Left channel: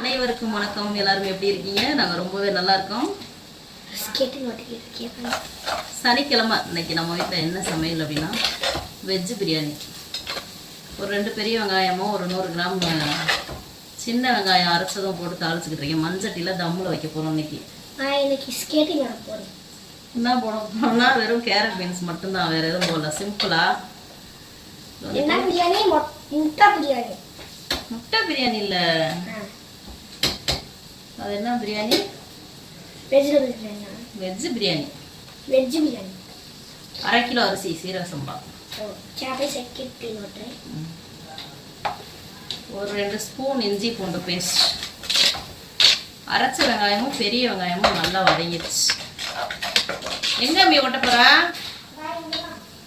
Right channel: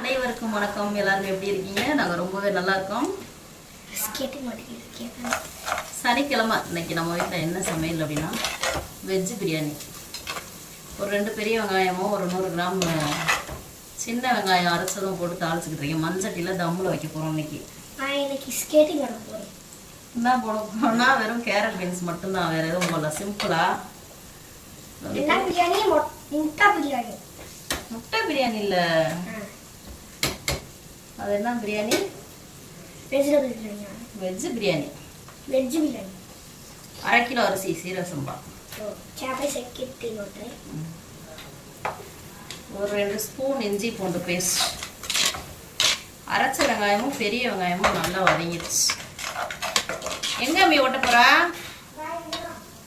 அனைவருக்கும் வணக்கம். எல்லாரும் எப்படி இருக்கீங்க? நாங்கள் ரொம்பவே நல்லா இருக்கோம். சனிக்கிழமை இன்னைக்கு நம்ம வீட்டில் என்ன சமையல் அப்படின்னா வெஜ் பிரியாணி. ஒரு 2 பெரிய வெங்காயமும் ஒரு 100 கிராம் சின்ன வெங்காயம் அரைச்சதும் போட்டு தாளிச்சுக்கிட்டு இருக்கேன். மண்சட்டியில் தம்மில் வைக்க போகிறோம் இன்னைக்கு. ஸ்கேட்டிங் வர போகிறேன். என்ன போட போகிறோம்னா வெறும் கேரட் பீன்ஸ் மட்டும்தான், வேறு எதுவும் போடல. சிம்பிளாக என்ன பிரியாணி? முட்டை பிரியாணி. முட்டை பிரியாணி இல்லை, அது என்ன biryani? Vegetable biryani. Veg biryani. Veg biryani. 1/2 kilo அரிசி சீரக சம்பா. ஒரு 2 ஸ்பூன் இஞ்சி பூண்டு பேஸ்ட். அரைச்ச வெங்காயமும் பெரிய வெங்காயமும் நல்லா வதங்கிடுச்சு. எங்க அம்மி ஓட்ட போறா?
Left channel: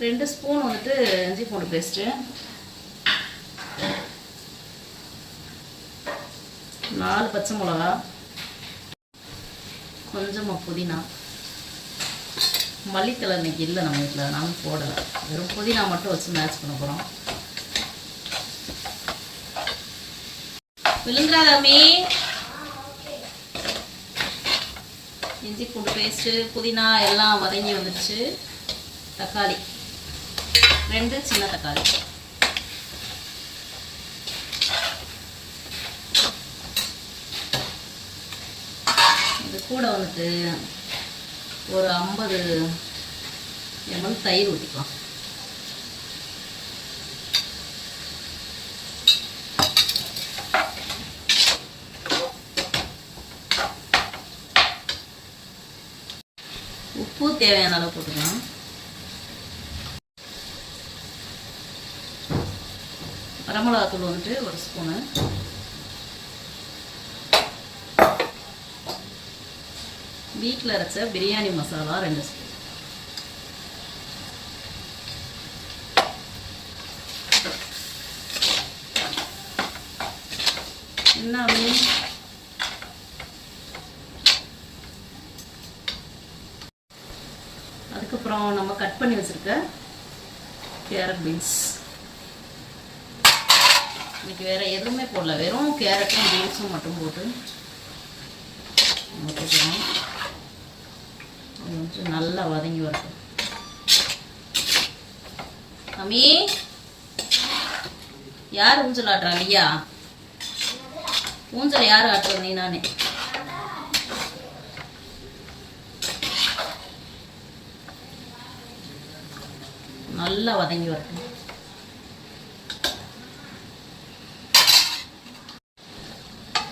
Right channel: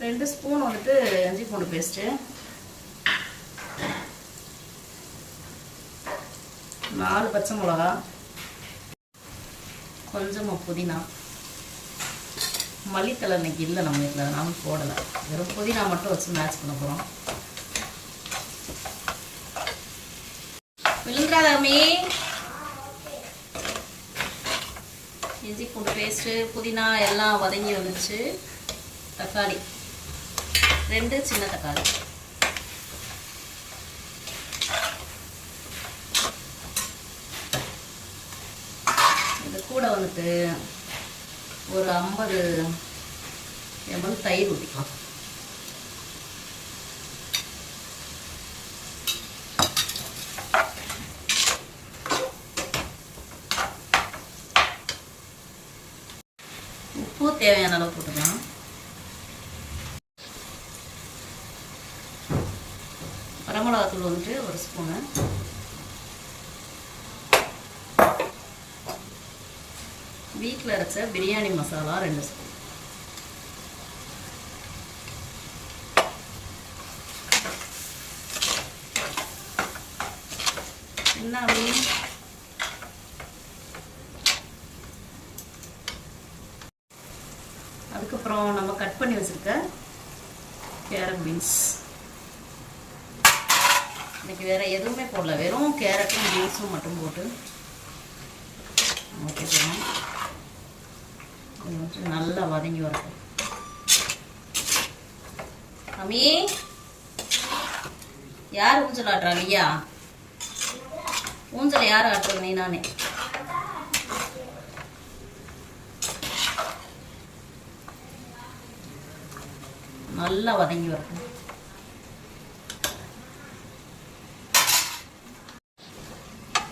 2 ஸ்பூன் வந்துட்டு இஞ்சி பூண்டு பேஸ்ட்டு, 4 பச்சை மிளகா, கொஞ்சமாக புதினா. மல்லித்தலை இன்னைக்கு இல்லை நம்ம வீட்டில், நானும் போடலை. வெறும் புதினா மட்டும் வச்சு மேட்ச் பண்ண போகிறோம். விழுந்தாதாமே இஞ்சி பூண்டு பேஸ்ட்டு புதினா எல்லாம் வதங்கி வந்துடுச்சு. தக்காளி 2 சின்ன தக்காளி. இது கூட வந்துட்டு ஒரு 50 ml தயிர் ஊற்றிக்கலாம். உப்பு தேவையான அளவு போட்டுக்கலாம். வரமிளகாத்தூள் வந்துட்டு 1 ஸ்பூனு, வீட்டில் அரைச்ச பிரியாணி மசாலா 2 ஸ்பூன். என்ன அதுக்கப்புறம் நம்ம கட் பண்ணி வச்சிருக்க கேரட் பீன்ஸ். இன்னைக்கு வேற எதுவுமே போடல, வெறும் கேரட்டும் பீன்ஸும் மட்டும் போட்டு ஊற்றிக்கிறோம். நல்லா வதங்கி வரட்டும். அம்மி யார் ஊஞ்சல் ஆட்டுறாங்க? ஐயா ஊஞ்சல் யார் ஆட்டுறது? நீ நானே. நல்லா வதங்கி வரட்டும்.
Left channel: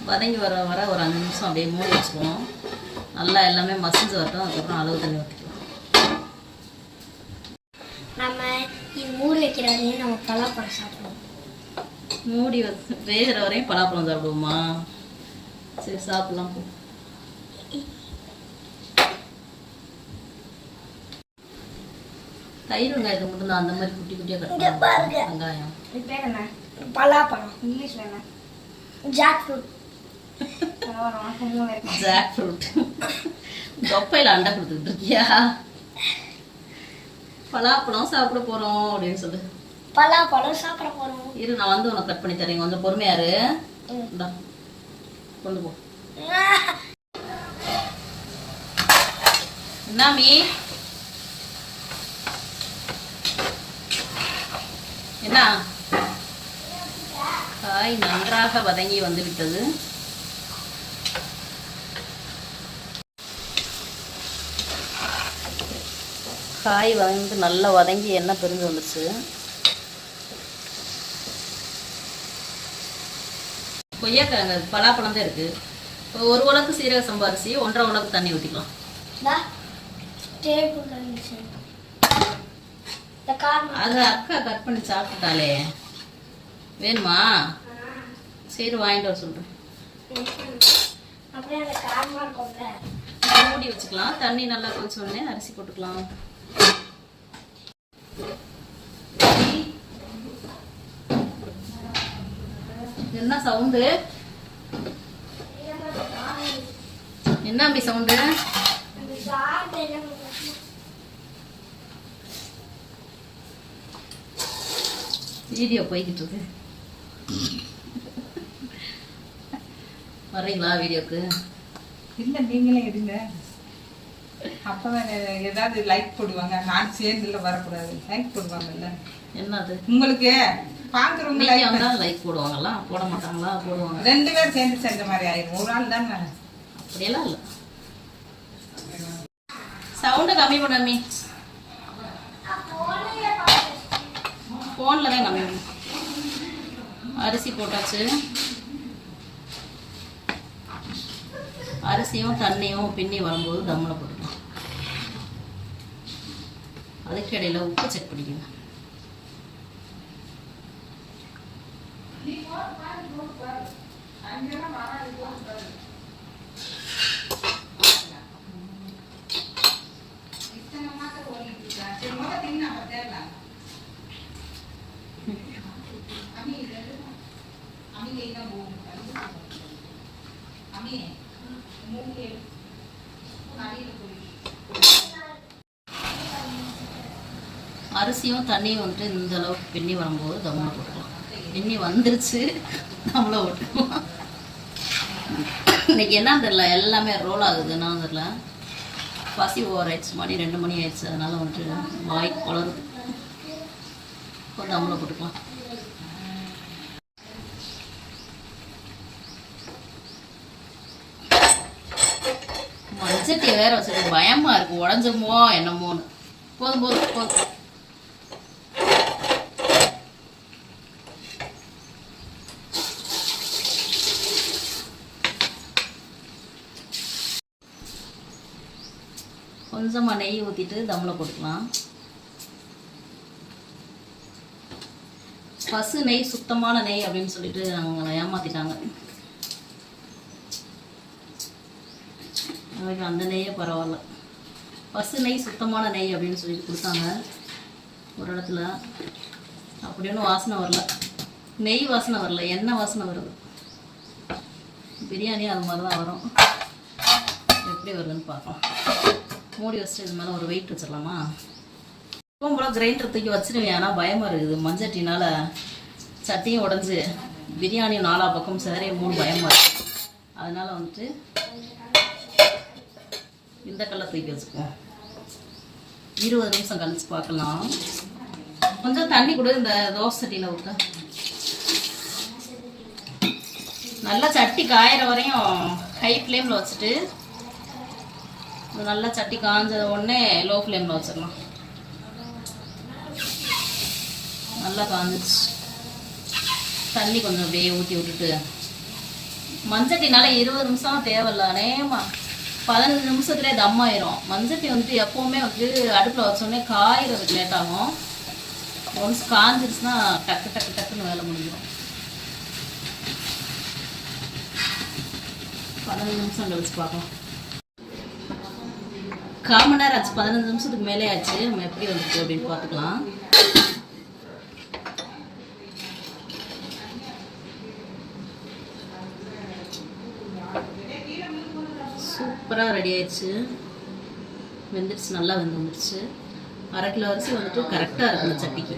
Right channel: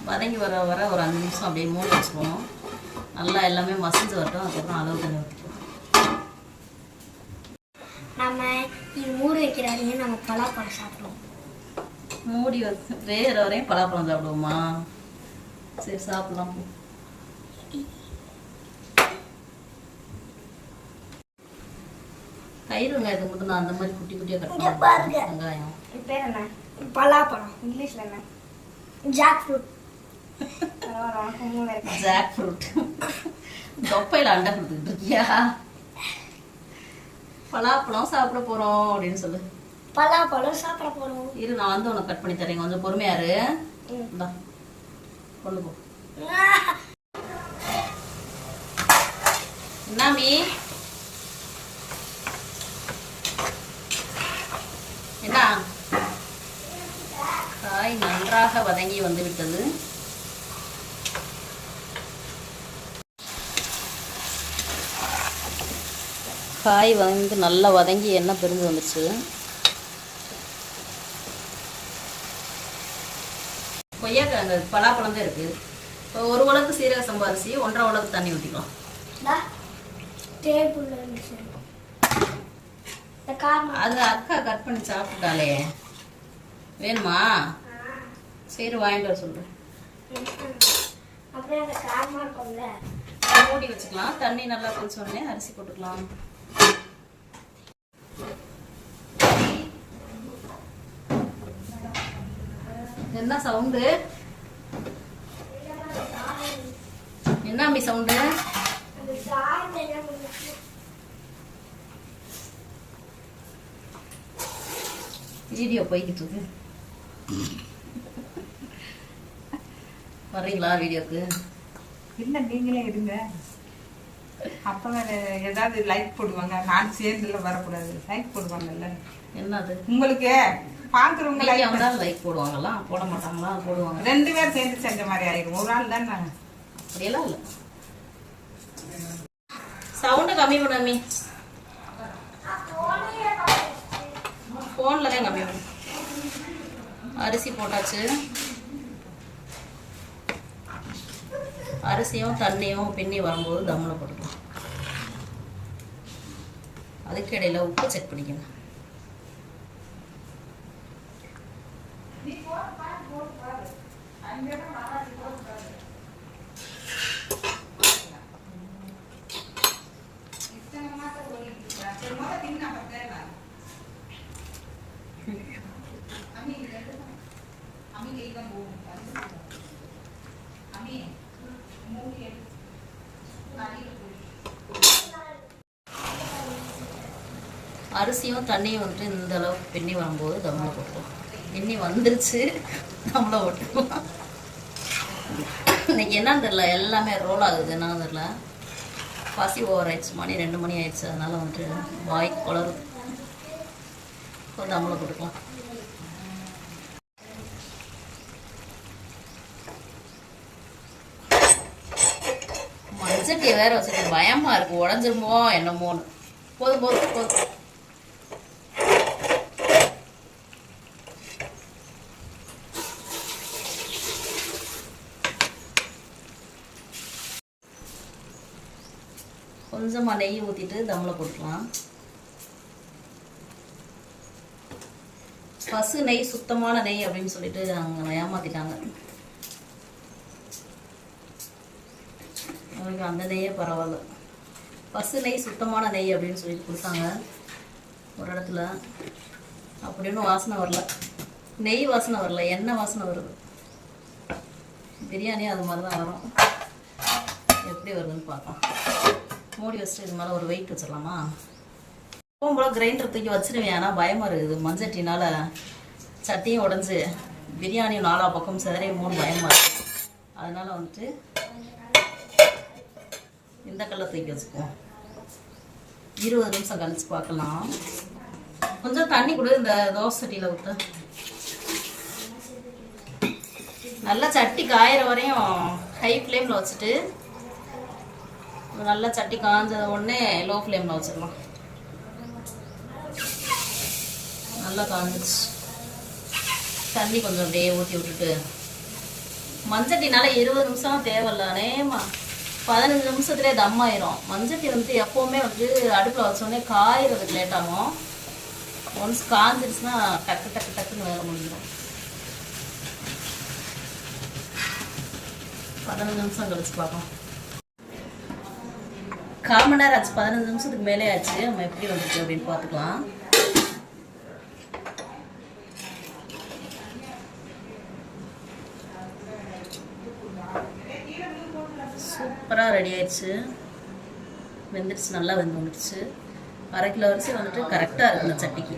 வதங்கி வர வர ஒரு 5 நிமிஷம் அப்படியே மூடி வச்சுக்குவோம். நல்லா எல்லாமே மசிஞ்சு வரட்டும். அதுக்கப்புறம் அளவு தண்ணி ஊற்றிக்குவோம். நம்ம மூடி வைக்கிற வரையும் நம்ம பலாப்பழம் சாப்பிடுவோம். மூடி வச்சு வேகிற வரையும் பலாப்பழம் சாப்பிடுவோமா? சரி சாப்பிடலாம் போ. தயிர் வெங்காயத்தை மட்டும் தான் அந்த மாதிரி குட்டி குட்டியாக கட் பண்ணுங்க. வெங்காயம் பேர் என்ன? பலாப்பழம். இங்கிலீஷ்ல என்ன? Jackfruit. Jackfruit. தொப்பையில் அண்டை கொடுத்துக்கிட்டு இருக்கியா? பலாப்பழம் சாப்பிட போறோம் அப்படின்னு சொல்லு. பலாப்பழம் சாப்பிட போறோம். இரு, நான் வந்து உனக்கு கட் பண்ணி தரேன். கொஞ்சம் பொறுமையாரு. கொண்டு போ. என்னாமி என்ன? காய் நன்றாக வதங்கி வந்து விட்டது. காய் வந்து நல்லா வதங்கி எண்ணெய் பிரிஞ்சு வந்துச்சு. கொய்யாக்கிழங்கு பலாப்பழம் தான் இருக்கு. ஒரு உலக்கு சீரக சம்பா அரிசி, 1.5 உலக்கு தண்ணி ஊற்றிக்கலாம். அது அக்கா கட் பண்ணி சாப்பிட்டாலே. வேணுமா? சரி வாங்கிட்டு வர சொல்றேன். மூடி வச்சுக்கலாம். தண்ணி நல்லா கொதிச்ச உடனே அரிசி போட்டுக்கலாம். என்ன சவுண்டு? என்ன அம்பி சவுண்டு? வீடியோ போய்கிட்டு இருக்கு. வர்றீங்களா வீடியோக்கு? இல்லை, நீங்களே இருங்க. அப்பதான் ஏதாவது லைக் போடுவாங்க. நான் சேர்ந்துல வரக்கூடாது. லைக் போடுவாங்கல்ல. என்னது உங்களுக்கு பாக்குறவங்க லைக் போடுவாங்களா? போட மாட்டாங்களா? போடுவாங்க. 2 பேர் சேர்ந்து செஞ்ச மாதிரி ஆயிரும். ஒரு ஆள் தான். அப்படியெல்லாம் இல்லை. சவுண்டை கம்மி பண்ணாமே. ஃபோனில் தான் கம்மி பண்ணு. அரிசி போட்டாச்சு. அரிசியும் தண்ணியும் பின்னி வரும்போது தம்மில் போட்டுக்கலாம். அதுக்கு இடையில உப்பு செக் பண்ணிக்கணும். அரிசியும் தண்ணியும் வந்துட்டு இந்த அளவுக்கு பின்னி வரும்போது தம்மில் போட்டுக்கலாம். பின்னி வந்துருச்சு, தம்மில் போட்டுக்கலாம். இன்னைக்கு என்னன்னு தெரியல, எல்லாமே ரோல் ஆகுது. என்னன்னு தெரியல, பசி ஓவர் ஆயிடுச்சு. மணி 2 மணி ஆயிடுச்சு. அதனால வந்துட்டு வாய் குளரும். தம்மில் போட்டுக்கலாம். மஞ்சட்டியை வேற வச்சுருக்கு. பயமா இருக்கு, உடஞ்சிருமோ என்னமோன்னு. போதும் போதும் போதும். கொஞ்சமாக நெய் ஊற்றிட்டு தம்மில் போட்டுக்கலாம். பசு நெய், சுத்தமான நெய் அப்படின்னு சொல்லிட்டு அவங்க ஏமாத்திட்டாங்க. எனக்கு அந்த நெய்யே பரவாயில்ல. பசு நெய், சுத்தமான நெய் அப்படின்னு சொல்லிட்டு கொடுத்தாங்க ஒரு இடத்துல. அப்படின்னு வாசனை வரல, நெய் வாசனை வரல, எண்ணெய் வாசனை வருது. பிரியாணி அது மாதிரி தான் வரும். எப்படி வருதுன்னு பார்க்கலாம். மூடி வச்சுட்டு இது மேலே ஒரு வெயிட் வச்சிடலாமா? எப்பவும் போல் கிரைண்டர் தூக்கி வச்சிருவேன். ஆனால் பயமாக இருக்குது. மஞ்சட்டினால் சட்டியும் உடஞ்சி பிரியாணியும் 4 பக்கம் சிதறையுமோன்னு பயமாக இருக்குது. அதனால வந்துட்டு இந்த கல்லை தூக்கி வச்சுக்குவோம். 20 நிமிஷம் கழிச்சு பார்க்கலாம். கொஞ்சம் தண்ணி கூட இந்த தோசை சட்டியில் விட்டு நல்லா சட்டி காயிற வரையும் ஹை ஃப்ளேமில் வச்சுட்டு நல்லா சட்டி காஞ்ச உடனே லோ ஃப்ளேமில் வச்சிடலாம். நல்லா காஞ்சிச்சு. தண்ணி கொஞ்சம் அப்படியே ஊற்றி விட்டுட்டு மஞ்சட்டினால 20 நிமிஷம் தேவையில்ல. நேமா 15 நிமிஷத்துலேயே தம் ஆயிரும். மஞ்சட்டி வந்துட்டு எப்போவுமே வந்துட்டு அடுப்பில் வச்சோடனே காயிறதுக்கு லேட் ஆகும். ஒன்ஸ் காஞ்சிருச்சுன்னா டக்கு டக்கு டக்குன்னு வேலை முடிஞ்சிடும். 15 நிமிஷம் கழிச்சு பார்க்கலாம். 1/4 மணி நேரம் ஆச்சு. 15 நிமிஷத்துக்கு மேலே ஆச்சு. நம்ம எப்படி வந்துச்சு அப்படின்னு பார்த்துக்கலாம். சூப்பராக ரெடி ஆயிடுச்சு. வெந்துடுச்சு, நல்லா வெந்து வந்துடுச்சு. 1/2 கிலோ அரிசி வந்துட்டு கரெக்டாக இருக்குது இந்த சட்டிக்கு.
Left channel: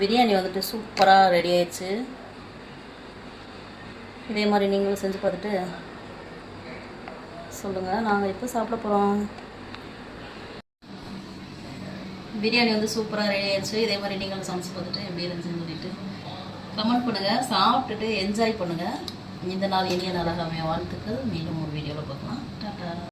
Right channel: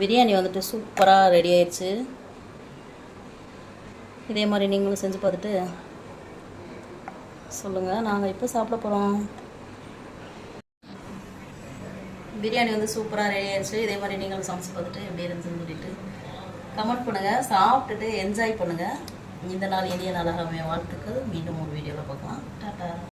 பிரியாணி வந்துட்டு சூப்பராக ரெடி ஆயிடுச்சு. இதே மாதிரி நீங்களும் செஞ்சு பார்த்துட்டு சொல்லுங்கள். நாங்கள் இப்போ சாப்பிட போகிறோம். பிரியாணி வந்து சூப்பராக ரெடி ஆயிடுச்சு. இதே மாதிரி நீங்களும் சமைச்சு பார்த்துட்டு எப்படி இருந்துச்சுன்னு சொல்லிட்டு கமெண்ட் பண்ணுங்கள். சாப்பிட்டுட்டு என்ஜாய் பண்ணுங்கள். இந்த நாள் இனிய நாளாக வாழ்த்துக்கள். மீண்டும் ஒரு வீடியோவில் பார்க்கலாம். டாட்டா.